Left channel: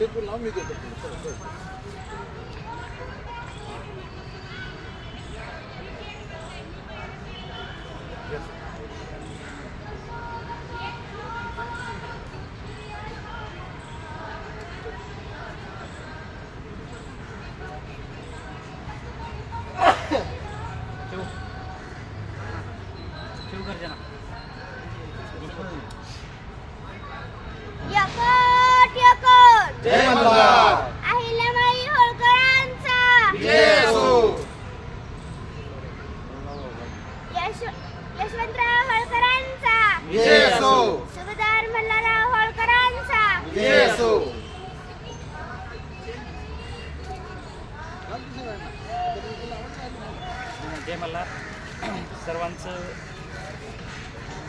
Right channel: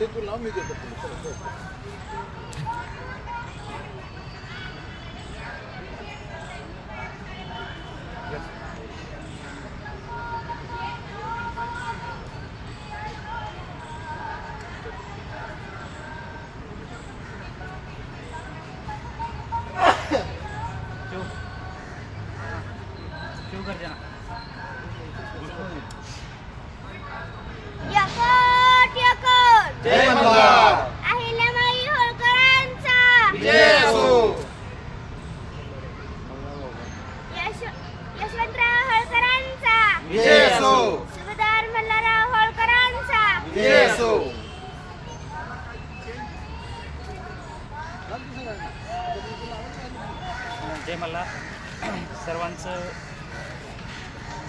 ते तू लाव मी देतो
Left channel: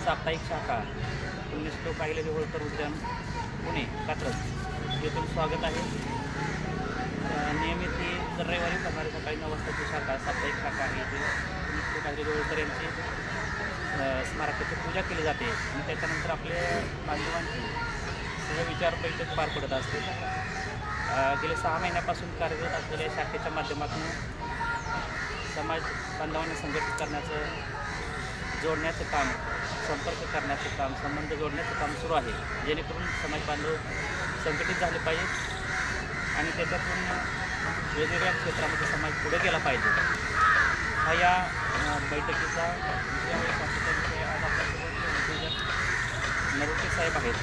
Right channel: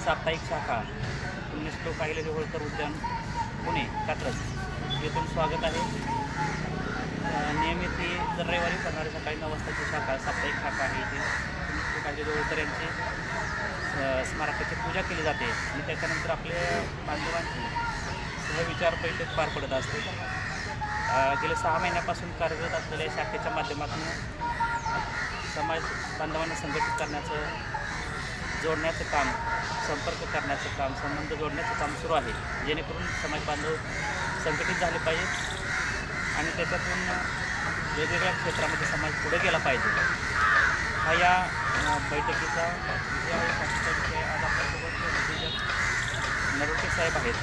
साप्ताहिक शाखा पुण्य श्लोक जवळकर होळकर उद्यान पुणे कात्रज. येथून स्वागत आहे. नियमित दर रविवारी करणारी सकाळी नऊ वाजताची शाखा साप्ताहिक शाखा आहे इथे. पुण्य जवळकर होळकर यांची स्मारकाची पूजा केली जाते. आणि त्याच्यानंतर आपल्या बांधवांची सहविचार बैठक पार पडत असते. गेल्या सहा महिन्यापासून कार्यरत असलेल्या शाखेच्या माध्यमातून समाज बांधवांना संघटित करण्याचं जोडण्याचं काम संपर्क करण्याचं काम संबंध जोडण्याचं काम सुरू आहे. जेणेकरून समाज बांधव संघटित झाले पाहिजेत आणि त्याच्यातून वेगवेगळ्या क्षेत्रामध्ये समाज पुढे गेला पाहिजे. हा या बैठकीचा विषय आहे. विषय आज आपल्यासोबत नरोटे साहेब आहेत.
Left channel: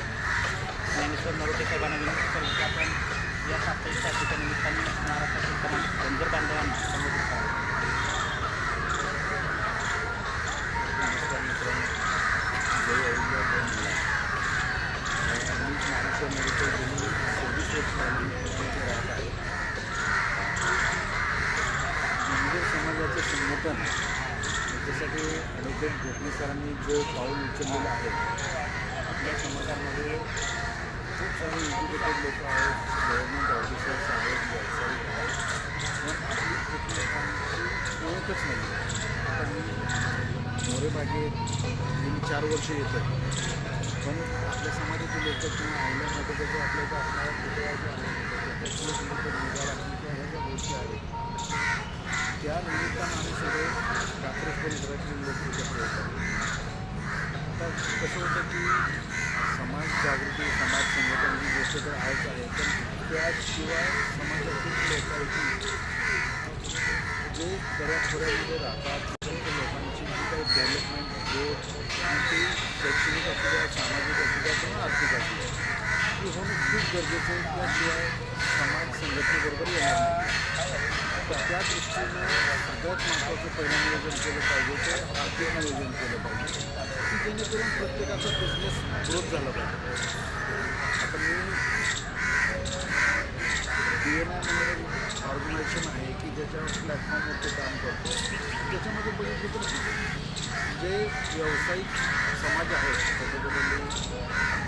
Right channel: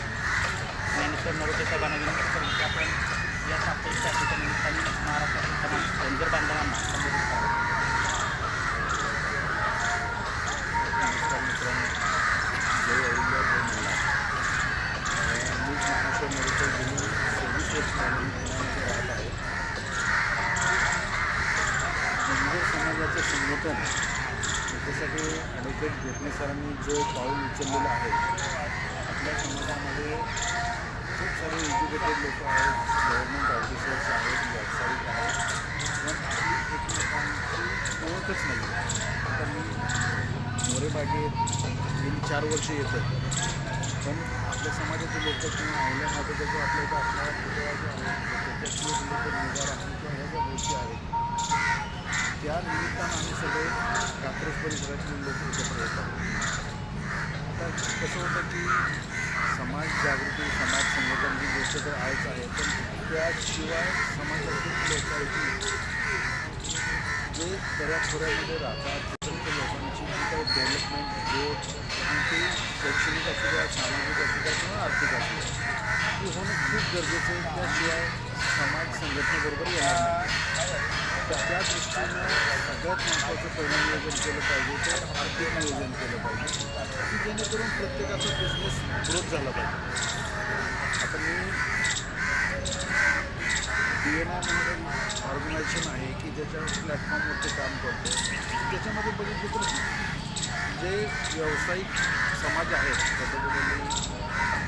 ज्ञानेश्वर नरोटे साहेबांना विनंती करू की आपण या साप्ताहिक शाखेच्या निमित्ताने महाराष्ट्रातील तमाम धनगर बांधवांना संबोधित करावं नमस्कार मित्रांनो जय अहिल्या जय मल्हार अं, मी ज्ञानेश्वर नरेकर गेली सव्वीस वर्ष झाली पुण्यामध्ये राहत आहे धनगर समाजाचं संघटन याच्यासाठी ॲडव्होकेट गोखले सरांनी जे पाऊल उचललेलं आहे आपल्या समाजामध्ये खूप सारे एज्युकेटेड लोक आहेत गव्हर्नमेंट ऑफिसर्स आहेत व्यावसायिक आहेत पण आपली एकमेकांची ओळखच नाही आता मी मोरेबागेत गेली चार वर्ष येतं पण आपल्या समाजाचे लोक किंवा आयल्या माझ्याचा जो आपल्या इथं असणारा पुतळा जो आहे त्याच्यातले लोक निघार किंवा ह्या ज्या गोष्टी आहेत त्या निमित्तानं आम्ही सगळे कात्रज परिसरातले लोक एकत्र येतात आता कसं होतं की समाज जागृती समाज संघटन ही गोष्ट तर आहेच आहे पण त्याशिवाय समाजातील लोकांची जे दऱ्याखोऱ्यामध्ये राहतात तिथे डेव्हलपमेंट म्हणजे ग्रोथ आणि शैक्षणिक असू द्या सामाजिक असू द्या किंवा आर्थिक असू द्या हे होणं खूप गरजेचं आहे. त्याशिवाय समाज संघटनेबरोबर येणार नाही. तर त्या दृष्टीनं सगळ्यात महत्त्वाचं पहिलं नियोजन केलं पाहिजे ते आर्थिक नियोजन केलं पाहिजे की जेणेकरून प्रत्येकाचा बिझनेस ग्रोथ झाला पाहिजे. आता मी डी एम आय म्हणून ऑर्गनायझेशन आहे की ज्याच्या प्लॅटफॉर्मवरती काम करतो. त्याच्यामध्ये बघितलं तर जे व्यावसायिक समाज आहेत पद्धतीने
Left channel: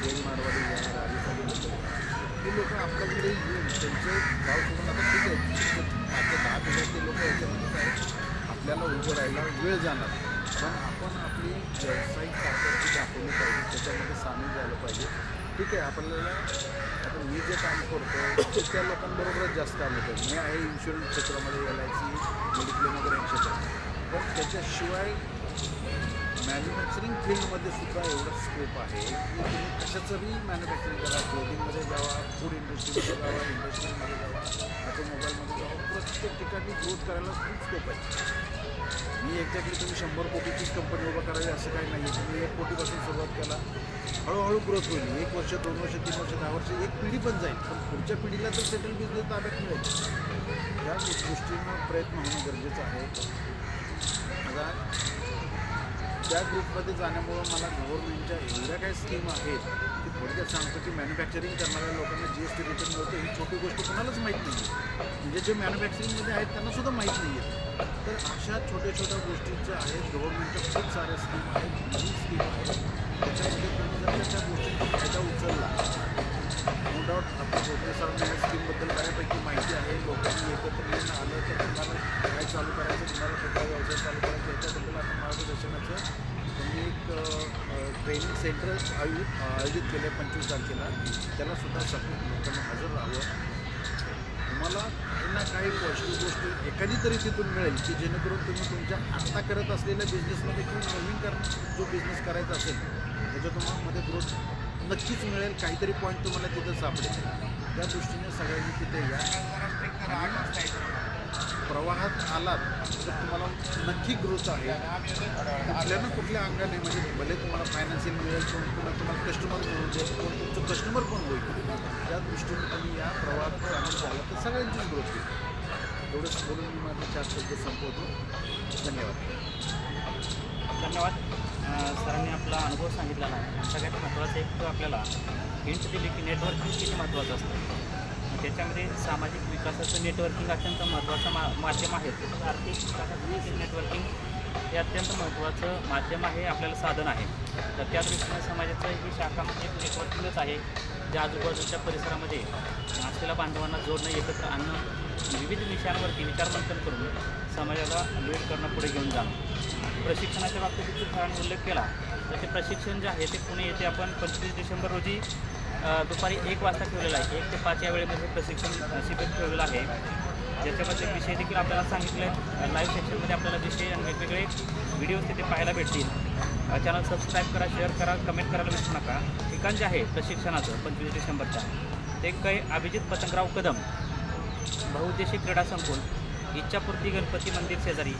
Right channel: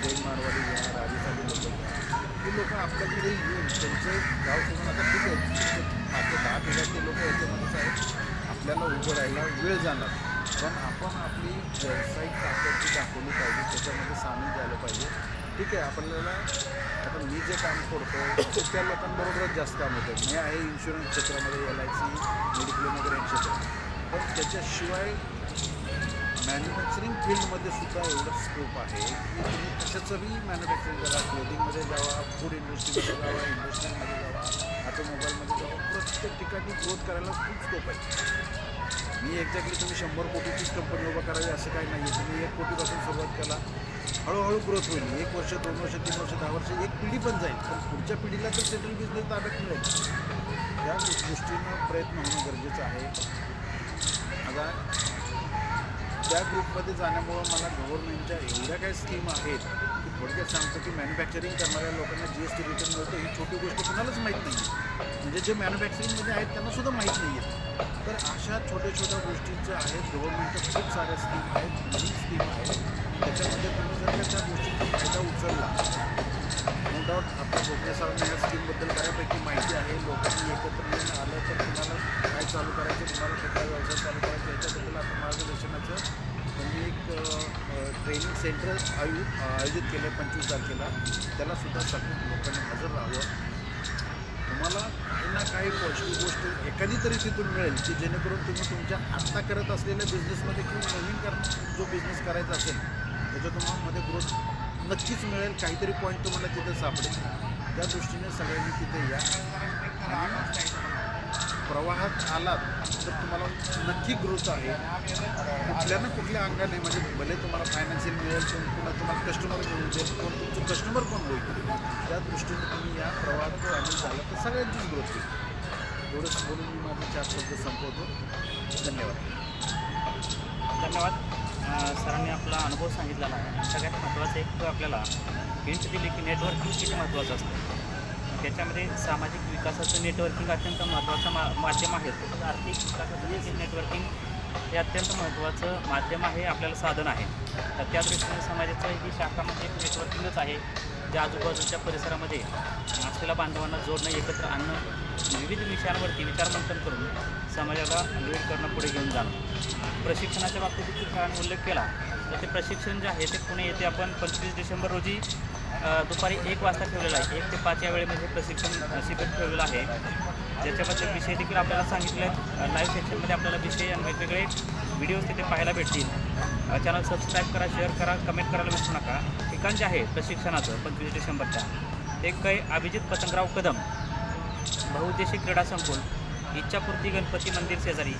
जैन मारवाडी घ्या राजस्थानी लोक घ्या ते लोक आपल्याकडे येऊन त्यांचे गाव सोडून आता ठीक आहे. ते दहा हजारचे लोक याच्यामध्येच आहेत आपल्याला उभं राहायला वेळ जाणार. पण आपण आपली व्यावसायिक ताकद जी दाखवली पाहिजे त्याच्यामध्ये सामील झालं पाहिजे. ठीक आहे आपल्याला आता मी जे काम करतो ते त्या लोकांबरोबरच जास्त काम होतं. मी आहे इन्शुरन्स क्षेत्रामध्ये एल आय सी मेडिक्लेम वगैरे या क्षेत्रात पण त्याच्याशिवाय मॅन्युफॅक्चरिंग फील्डमध्ये सुद्धा एवढा स्कोप आहे की तुम्ही कशाचंही मॅन्युफॅक्चरिंग करा. क्लोदिंगमध्ये जावा फूड इंडस्ट्रीमध्ये जावा इंडस्ट्रीमध्ये जावा ऑटोमोबाईलमध्ये जावा प्रत्येक ठिकाणी ग्रोथ करायला खूप स्कोप आहे. मी एक्झॅक्टली तुम्ही शंभर कोटीचीच कंपनी उभं करावी असं काही नाही आहे तुम्ही एक कोटीपासून सुरुवात केला हळूहळू ग्रोथ होईल. एक वर्ष दोन वर्ष तीन वर्ष दहा वर्ष एक पिढी पण जाईल. पण पुढच्या पिढीला तर सेटल बिझनेस ताब्यात मिळेल. त्या दृष्टीनं प्रयत्न होणं गरजेचं आहे. आता त्या ग्रुपमध्ये जाण्यामुळं मला गव्हर्नमेंटच्या एवढ्या काही स्कीम आहेत की थोडक्यात सांगतो की मॅन्युफॅक्चरिंग करणाऱ्या लोकांना जी एस टी रिटर्न मिळतं ही छोटी गोष्ट कोणालाच माहीत नाही म्हणजे जे मॅन्युफॅक्चरिंगमध्ये आहेत त्यांना सुद्धा माहीत नाही आहे तर अशा छोट्या छोट्या गोष्टीच्या आहेत गव्हर्नमेंटच्या खूप साऱ्या स्कीम आहेत नवीन स्कीम आहेत त्याच्यामध्ये तुम्ही जर त्या गोष्टींचा फायदा उचलला नो डाऊट आता गोपे सरांना या स्कीमबद्दल बऱ्यापैकी माहिती आहे लोकांनी एकत्र येऊन आलं तर चालू करायचं तुम्हाला कुठला व्यवसाय चालू करायचा याच्याबद्दल आपण मार्गदर्शनाचं त्यांनी एक ट्रेनिंग सेंटर आयोजित आयोजित केलं आहे पंचवीस तारखेला. त्यालासुद्धा सगळ्या लोकांनी हजर राहावं. तुम्हाला काही ना काही पॉझिटिव्ह गोष्ट एखादी तरी तिथून मिळेल की जेणेकरून तुम्ही तुमच्या आत्ता करत असलेल्या बिझनेसमध्ये किंवा नवीन कर जो बिझनेस करायचा असेल त्याचा तुम्हाला मध्ये ग्रोथ नक्कीच मिळेल काहीतरी पॉईंट तुम्हाला तिथं सापडेल. त्या दृष्टीने सगळ्यांनी तिथे या. आणि प्रवाहात आलात तर तुम्हाला नक्की ग्रोथ आहे कुठल्या ना कुठल्या अंगाने म्हणजे भले तुम्हाला फायनान्शियल मिळेल कोण पुन्हा तुम्हाला कस्टमर मिळू दे कोण तुमचं कस्टमर कोण होईल? त्या दृष्टीने तुम्ही या प्रवाहात सामील झाला तर सगळ्यांचीच ग्रोथ होईल. एवढंच बोलून मी माझे चार शब्द संपवतो. धन्यवाद. धन्यवाद. सरांनी आपला अनुभव सांगितलेला आहे. सगळ्यात महत्त्वाचं एक आपल्याला हिंट केली की नेटवर्किंग किती महत्त्वाचं असतं. त्याच्यामध्ये सामाजिक विकासाचे नेटवर्किंग अत्यंत महत्त्वाचं मा माध्यम आहे. तसंच आर्थिक विकासाचे नेटवर्किंग हे अत्यंत महत्त्वाचं माध्यम आहे आपल्याला साधन आहे. तर त्या दृष्टीने समाजाचं ही शाखा म्हणजे नेटवर्किंगच आहे. ज्या आजूबाजूच्या परिसरामध्ये असलेल्या बांधवांना जोडणं एकत्र आणणं विविध विषयांवरती विचारमंथन करून समाजाला विरोध करणं पुढे घेऊन जाणं. प्रशिक्षणाच्या बाबतीत देखील उल्लेख केला. तर ते प्रशिक्षण जे आहे ते पुणे येथे आपण पंचवीस डिसेंबर रोजी दुपारी एक वाजता ठेवलेलं आहे. एक ते पाच या वेळेमध्ये प्रशिक्षण अ, शिबिर ठेवलेलं आहे. ज्याच्याबद्दल विषय देखील आपल्याला सांगितलं लाईव्ह सेक्शनमध्ये आपल्याला विषय वेगवेगळे व्हिडिओज तिथे पाहायला भेटतील. चॅनल सबस्क्राईब करा शेअर करा कमेंट करायला विसरू नका. ठिकाण जे आहे प्रशिक्षणाचं पंचवीस डिसेंबरच्या एक काही अभिजित पतंगराव कदम बहुद्देशी क्रीडा संकुल. इच्छापूर्ती गणपती मंदिर शेजारी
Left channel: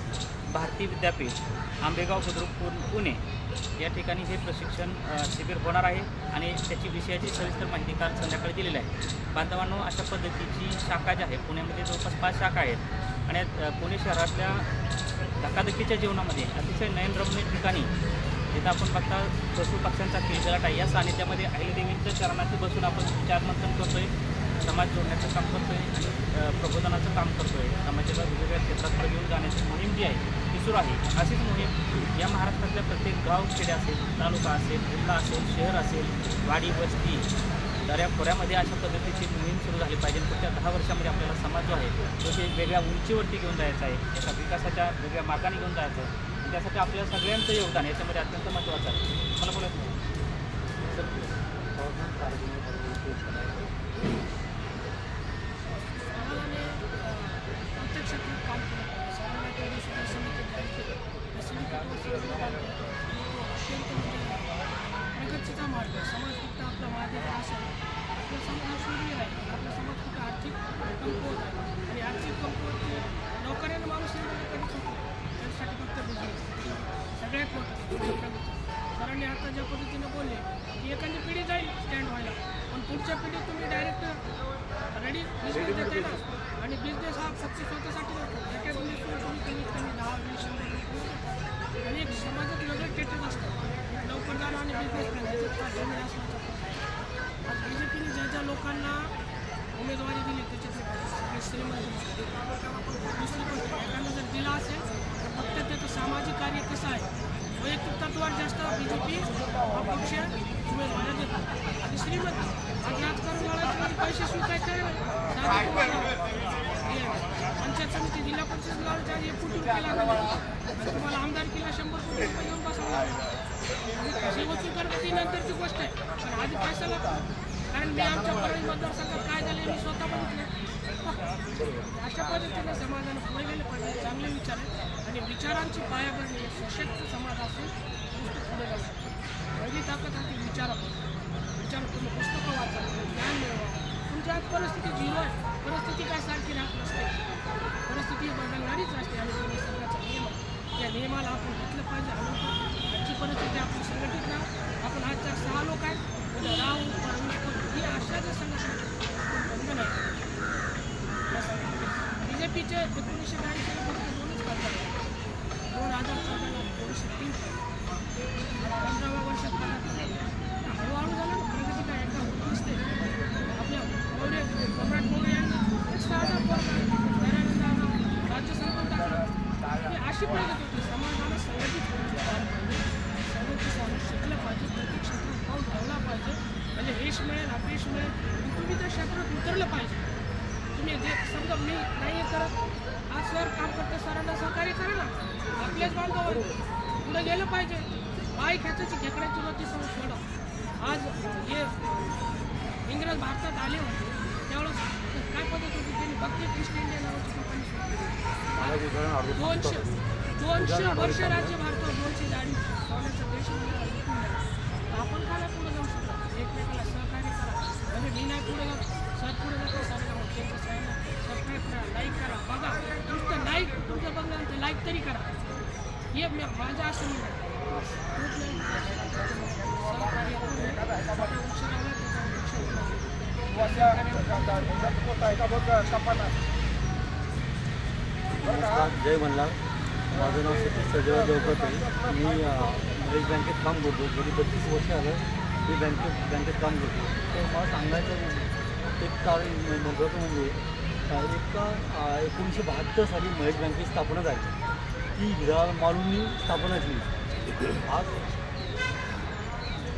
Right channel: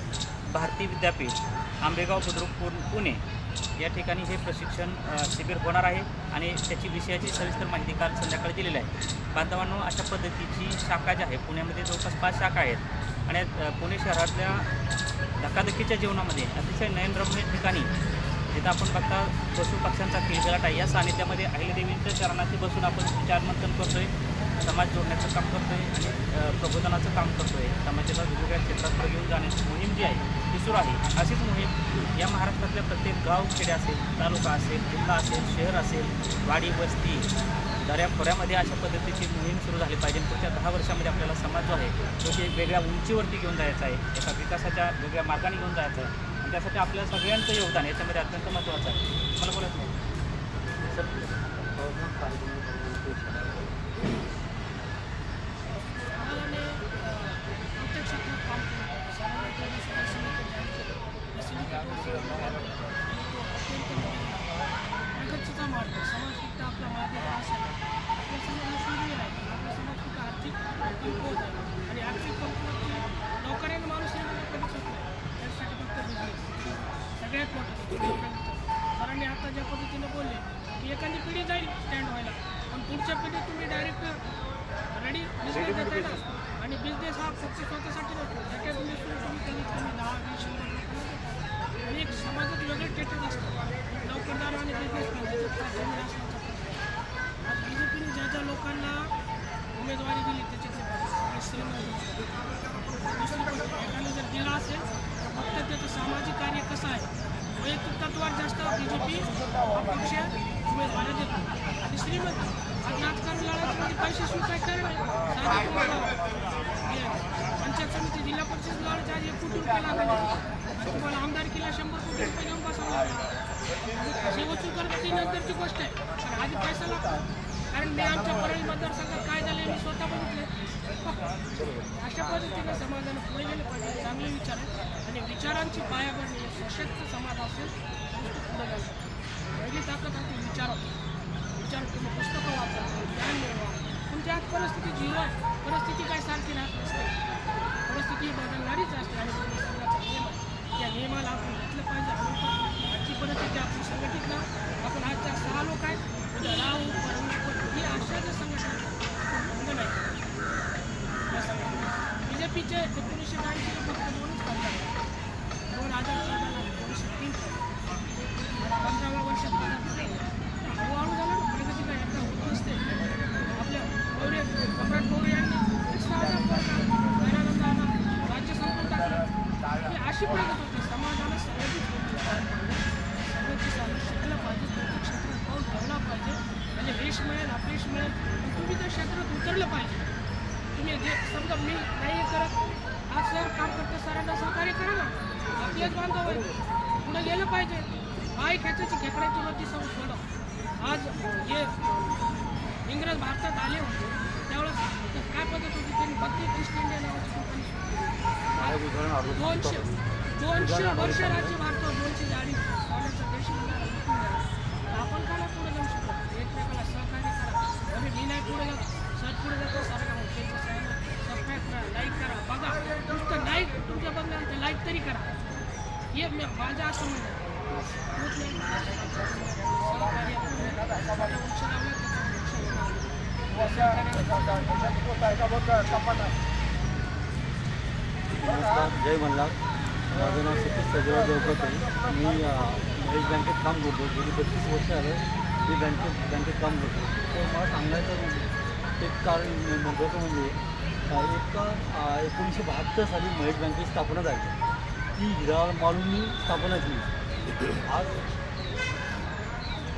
भारती विद्यापीठ आंबेगाव बुद्रुक पुणे या ठिकाणी हे प्रशिक्षण शिबिर होणार आहे आणि त्याची विषयाची सविस्तर माहिती काल संध्याकाळी दिलेली आहे. बांधवांनो अशा पद्धतीची शाखा जी आहे पुण्यामध्ये जवळपास पाच शाखा आहेत आणि पुणे शहरातल्या धकाधकीच्या जीवनामध्ये अतिशय नयनरम्य ठिकाणी जिथं आपण बघता पशु पक्ष्यांचा खेळत आहे या सानिध्यामध्ये अहिल्यादेवींच्या चरणाशी बसून आपण विचारमंथन करतोय. समाज जोडण्याचं काम करतो आहे प्रबोधनाचं काम करतो आहे समाजाच्या वेगवेगळ्या क्षेत्रात घेऊन जाण्याची मोहीम जी आहे ती सुरू आहे. अशीच मोहीम या महाराष्ट्रातल्या प्रत्येक गाव खेडे असेल तालुका असेल जिल्हा असेल शहर असेल वाडी वस्ती दऱ्या खोऱ्यामध्ये अशा पद्धतीची मोहीम सुरू झाली पाहिजे. पुढच्या दहा वर्षामध्ये आपल्याला समाज जो आहे तो ते वेगळ्या उंचीवरती घेऊन जायचा आहे. त्याचा विकासाच्या वेगळ्या मार्गाने घेऊन जायचं आहे. आणि त्यासाठी आपल्या सगळ्यांचं योगदान याच्यामध्ये अत्यंत महत्त्वाचं आहे. मला बोलत नाही सर व्हायला पण पुढच्या पिढीत तुम्ही डायरेक्ट रेडी बिझनेस देताय ना आणि बिझनेस हा फक्त स्वतःसाठी नसतो एका बिझनेस तुम्ही कमीत कमी दहा वीस शंभर लोकांना देतात आणि एक समाजात वेगळं स्टेटस असतं. एक नोकरदार आणि बिझनेस करायचं जमीन असण्याचा आज बी जे पीने ज्या ज्या लोकांना उमेदवारी दिली त्याच्यातले श्रीमंत दुसरी गोष्ट एखादा जर दिला असेल तर फक्त त्याचं सामाजिक कार्य कसं आहे? वैयक्तिक तत्वावर जास्त बी जे पी हा पक्ष उमेदवाऱ्या देतो आणि श्रीमंत आज राजकारण लढायचं म्हणजे पैसे स्वीकारायचे नाही साधे तुम्हाला. हे पंचायत समिती जिल्हा परिषद लढायचे आज एक कोटी रुपये लागले. आणि तुम्हाला आमदारकीला शंभर कोटी रुपये घेऊन बसावं लागेल. हे वसूल करणं ती नंतरची गोष्ट आहे. पण आधी पैसा लागतो. कारण मी आमच्या परळी मतदारसंघात काय झाले मी स्वतः बघितलं अशा पद्धतीने समाजाला पुढे गेले पाहिजे. चांगले विचार आहेत. आणि विचारांची पायाभरणी हे सशक्त समाज असून नुसतं पुढे जाऊ शकतो पहिली ताकद आहे ती विचारात विचार तुम्ही पुस्तकं वाचा ज्ञान मिळवा तुमची आज परिस्थिती जीवन परिस्थिती काय सारखी राहत नसते परिस्थिती बदलणारीच असते आणि निसर्गाचा नियम आहे. या नियमाला आपण घेतलं पाहिजे. आणून पण आजची परिस्थिती आपण संघटित राहू. आपण आजच्या सहा लोक आहेत. उद्या राहू परवीस पण ही अशा ज्या संघटना आपण बंद नाही या संघटना बी जे पीचे एकोणीसशे ब्याऐंशी आपलेच बांधव. पुढे गेलं पाहिजे. माय खेचायची खेकड्याची रोजची सव सोडा. आज जे इंग्रज भारतात आले होते. त्यावेळेस काय पद्धत होती? त्यांनी बकरी ईस्ट इंडिया नावाची कंपनी दोनशे दोनशे वर्ष राज्य भारतात दोनशे अडीच सोन्याचा देश तर आपण नाही पुढे जाऊ शकतो? एकमेकाला सहकार्य करा. म्हणजे मी नाही पुढे जात. सर पुढे जातो सर त्यांचं चॅनल सबस्क्राईब करा लाईक करा बघा. नुसतं लाईक तुमचं बघा ते लाईक तरी करा. हे माझं असं नमस्कार जय मल्हार. माझं नाव सतीश सजराव देवकत आहे. मी अ, महेश बँकेत काम करतो. गेली बत्तीस वर्ष आलं मी बँकेत बँकेत काम करतो. तर मला सांगायचं म्हणजे एक कारण महत्त्वाचं म्हणजे एक एकोणीसशे बहात्तर साली महेश बँकेची स्थापना झाली. ती हिराल मालूंनी स्थापना केली आज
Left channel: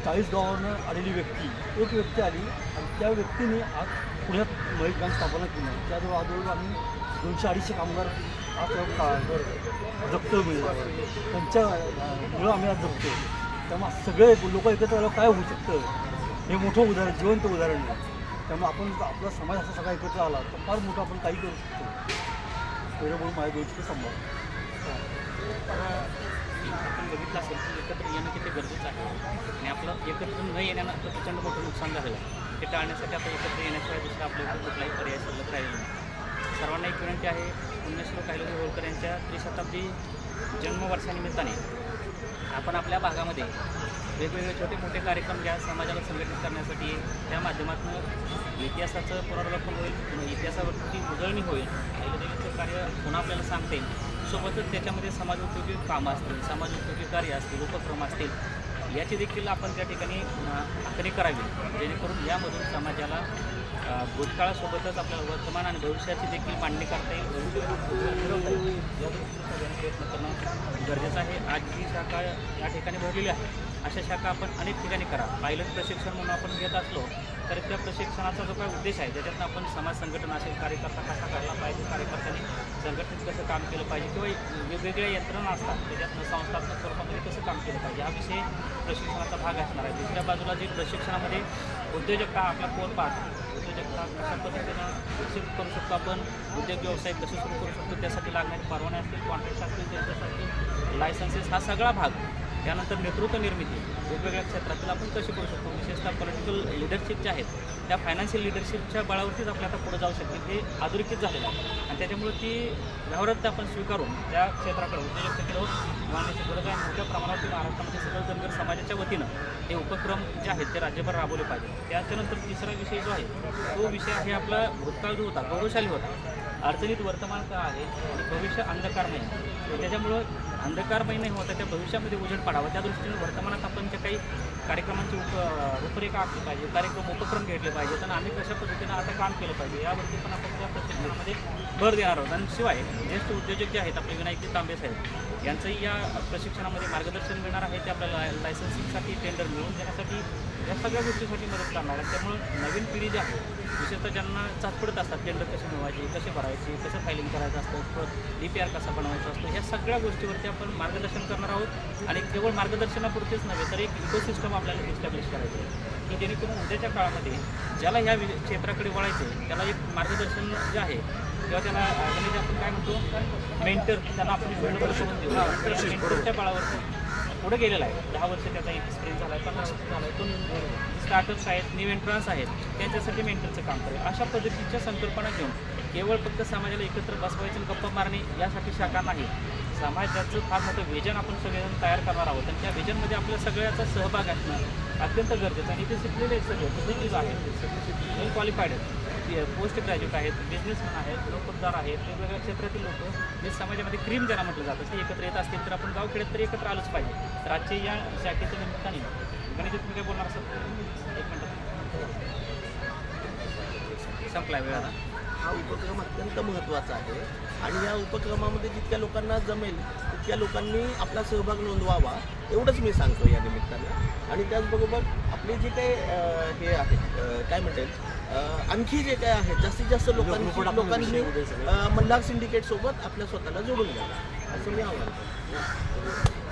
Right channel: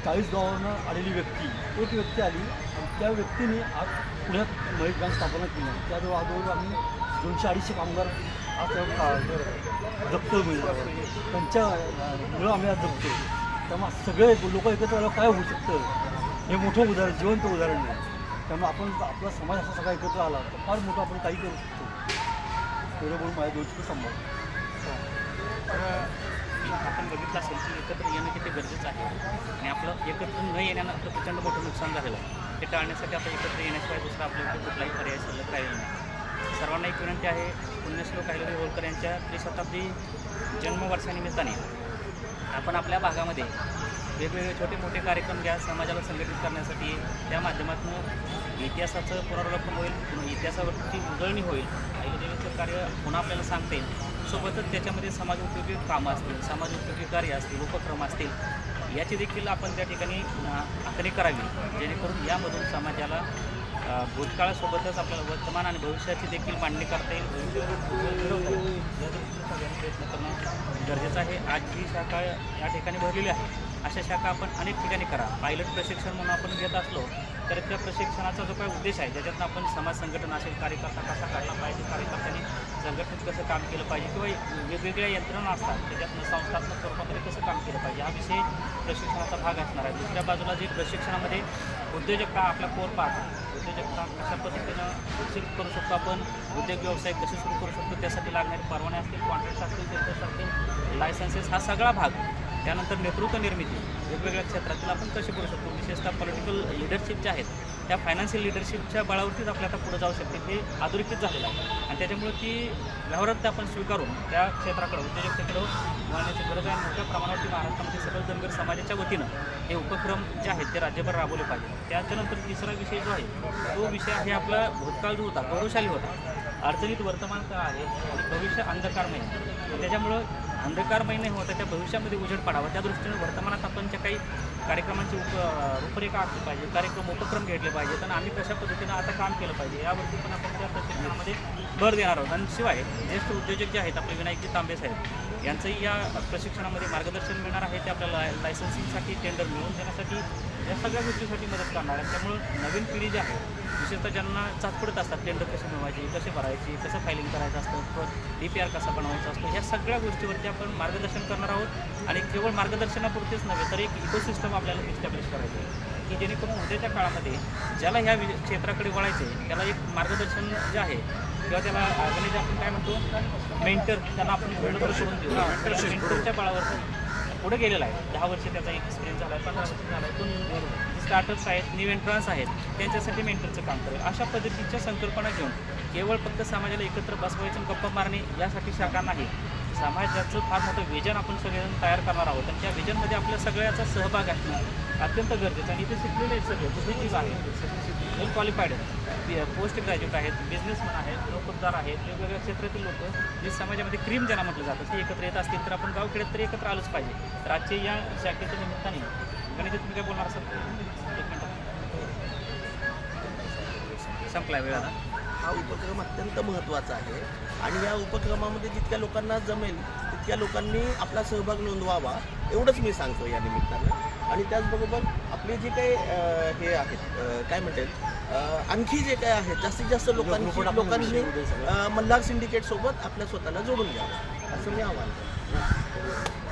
चाळीस गावावरनं आलेली व्यक्ती एक व्यक्ती आली आणि त्या व्यक्तीने आज पुण्यात महेश बँक स्थापना केली. त्याजवळ आजवळ आम्ही दोनशे अडीचशे कामगार आज का जपतो म्हणजे त्यांच्या मुळं आम्ही आज जपतो त्यामुळे सगळे लोक एकत्र आल्यावर काय होऊ शकतं? हे मोठं उदाहरण जिवंत उदाहरण आहे. त्यामुळे आपण आपला समाज असा सगळा एकत्र आला तर फार मोठं आपण काही करू शकतो. एवढं म्हणून माझ्या दोनशे संभाव तर आपण बघितलं असेल की एकत्र येणं किती गरजेचं आहे. आणि आपलं एकत्र न येण्यानं आपलं प्रचंड मोठं नुकसान झालेलं आहे. ते टाळण्यासाठी आपण एकत्र येण्याशिवाय दुसरा आपल्या इथे कुठलाही पर्याय शिल्लक राहील नाही सर्वांना एक विनंती आहे पुण्यश्लोक काहीतरी होळकर यांच्या त्रिशताब्दी जन्मवर्षानिमित्ताने आपण आपल्या भागामध्ये वेगवेगळे छोटे मोठे कार्यक्रम घ्या समाजाला संघटित करण्यासाठी त्या माध्यमातून इतिहासाचं पुनरावलोकन होईल इतिहासावरती उजळणी होईल. अहिल्यादेवीचं कार्य पुन्हा आपल्याला सांगता. येईल सोबतच त्याच्यामध्ये समाजोपयोगी कामं असतील समाजोपयोगी कार्य असतील उपक्रम असतील याची देखील आपण त्या ठिकाणी आखणी करावी. जेणेकरून यामधून समाजाला भूतकाळासोबतच आपल्याला वर्तमान आणि भविष्याची देखील मांडणी करता येईल. भविष्य या प्रयत्न करणं गरजेचं आहे. आजची शाखा या ठिकाणी भरलेली आहे. अशा शाखा आपण अनेक ठिकाणी करा. पायलट प्रशिक्षण म्हणून आपण घेत असलो तर त्या प्रशिक्षणाचा जो काही उद्देश आहे त्याच्यातनं आपण समाज संघटना असेल कार्यकर्ता कसा करला पाहिजे कार्यकर्त्यांनी संघटनेत कसं काम केलं पाहिजे किंवा वेगवेगळ्या यंत्रणा असतात त्याच्यातनं संस्थात्मक स्वरूपामध्ये कसं काम केलं पाहिजे हा विषय प्रशिक्षणाचा भाग असणार आहे. दुसऱ्या बाजूला जे प्रशिक्षणामध्ये उद्योजकता आपला कोर पाहतो उद्योजकता कशा पद्धतीनं विकसित करू शकतो आपण उद्योग व्यवसाय कसे सुरू करू शकतो त्यासाठी लागणारे परवाने असतील कॉन्ट्रॅक्ट असतील बिझनेस लायसन्सेस हा सगळा भाग. त्यानंतर नेतृत्व निर्मिती वेगवेगळ्या क्षेत्रातील आपण कसे करू शकतो? विशेषतः पॉलिटिकल लिडरशिप जे आहेत त्या फायनान्शियल लिडरशिपच्या बळावरतीच आपल्या आता पुढे जाऊ शकते. हे अधोरेखित झालेलं आहे. आणि त्याच्यामुळे ती व्यवहारात आपण स्वीकारून त्या क्षेत्राकडे उद्योजकतेकडे मानवाची गरज आहे मोठ्या प्रमाणावरती महाराष्ट्रामध्ये सगळं जनगर समाजाच्या वतीनं हे उपक्रम जे आहेत ते राज्यभर राबवले पाहिजे त्याच्यानंतर तिसरा विषय जो आहे तो विषय आहे आपला भूतकाळ जो होता गौरवशाली होता. अडचणीत वर्तमान काळ आहे आणि भविष्य अंधकारमय आहे. तर त्याच्यामुळं अंधकारमय नाही होता त्या भविष्यामध्ये उजेड पडावा. त्या दृष्टीने वर्तमानात आपण ज्या काही कार्यक्रमांची उप रूपरेखा असली पाहिजे कार्यक्रम उपक्रम घेतले पाहिजेत आणि आम्ही कशा पद्धतीनं आता काम केलं पाहिजे यावरती पण आपण त्या प्रशिक्षणामध्ये भर देणार आहोत. आणि शिवाय ज्येष्ठ उद्योजक जे आहेत आपले विनायकजी तांबे साहेब यांचंही या प्रशिक्षणामध्ये मार्गदर्शन मिळणार आहे ते आपल्याला लायसन्सिंगसाठी टेंडर मिळवून घेण्यासाठी या सगळ्या गोष्टीसाठी मदत करणार आहे त्यामुळे नवीन पिढी जी आहे विशेषतः ज्यांना चाचपडत असतात टेंडर कसे मिळवायचे कसे भरायची कसं फायलिंग करायचं असतं ई डी पी आर कसा बनवायचा असतो या सगळ्या गोष्टीवरती आपण मार्गदर्शन करणार आहोत आणि केवळ मार्गदर्शनापुरतेच नव्हे तर एक इकोसिस्टम आपल्याला इस्टॅब्लिश करायचं आहे. की जेणेकरून उद्याच्या काळामध्ये ज्याला ह्या क्षेत्राकडे वळायचं त्याला एक मार्गदर्शन जे आहे किंवा त्याला म्हणजे आपण काय म्हणतो मेंटर त्यांना आपण मेंटर करून देऊ. मेंटरच्या बळावर पुढे गेलेला आहे. दहा वर्ष त्याचा एक्सपिरियन्स झाला आहे पंधरा वर्ष झाला आहे. पण स्टार्टअप्स आहेत न्यू एंट्रन्स आहेत त्यांच्यासाठी मेंटरचं काम करेल अशा पद्धतीच्या संकल्पना घेऊन केवळ फक्त समाजाला एकत्र बसवायची गप्पा मारणे यासाठी शाखा नाही. समाजाचं फार मोठं विजन आपण सगळेजण तयार करणार आहोत. आणि त्या विजनमध्ये आपल्या सगळ्याचा सहभाग असणं अत्यंत गरजेचं आणि ते शिकलेले आहेत सगळे बिझनेस आहेत वेल क्वालिफाईड आहेत. पोस्ट ग्रॅज्युएट आहेत बिझनेसमॅन आहेत नोकरदार आहेत वेगवेगळ्या क्षेत्रातील लोक. जे समाजामध्ये क्रीम ज्यांना म्हटलं जातं. ते एकत्र येत असतील तर आपण गावखेड्यात तर एकत्र आलोच पाहिजे. तर आजच्या या शाखेच्या निमित्ताने. गणेश तुम्ही काय बोलणार असाल? एक मिनिट. संपला वेळ. हा उपक्रम अत्यंत महत्त्वाचा आहे. आणि या उपक्रमामध्ये जितक्या लोकांना जमेल तितक्या लोकांनी आपला सहभाग नोंदवावा एवढंच मी सांगतो या निमित्तानं. आणि त्याचबरोबर आपले जे काही हे आहेत काय म्हणतात आणखी जे काय आहेत जास्तीत जास्त लोकांनी लोकांनी मल्हार सिंडिकेट सोबत आपल्या स्वतःला जोडून घ्यावं. असं मी आवाहन करतो.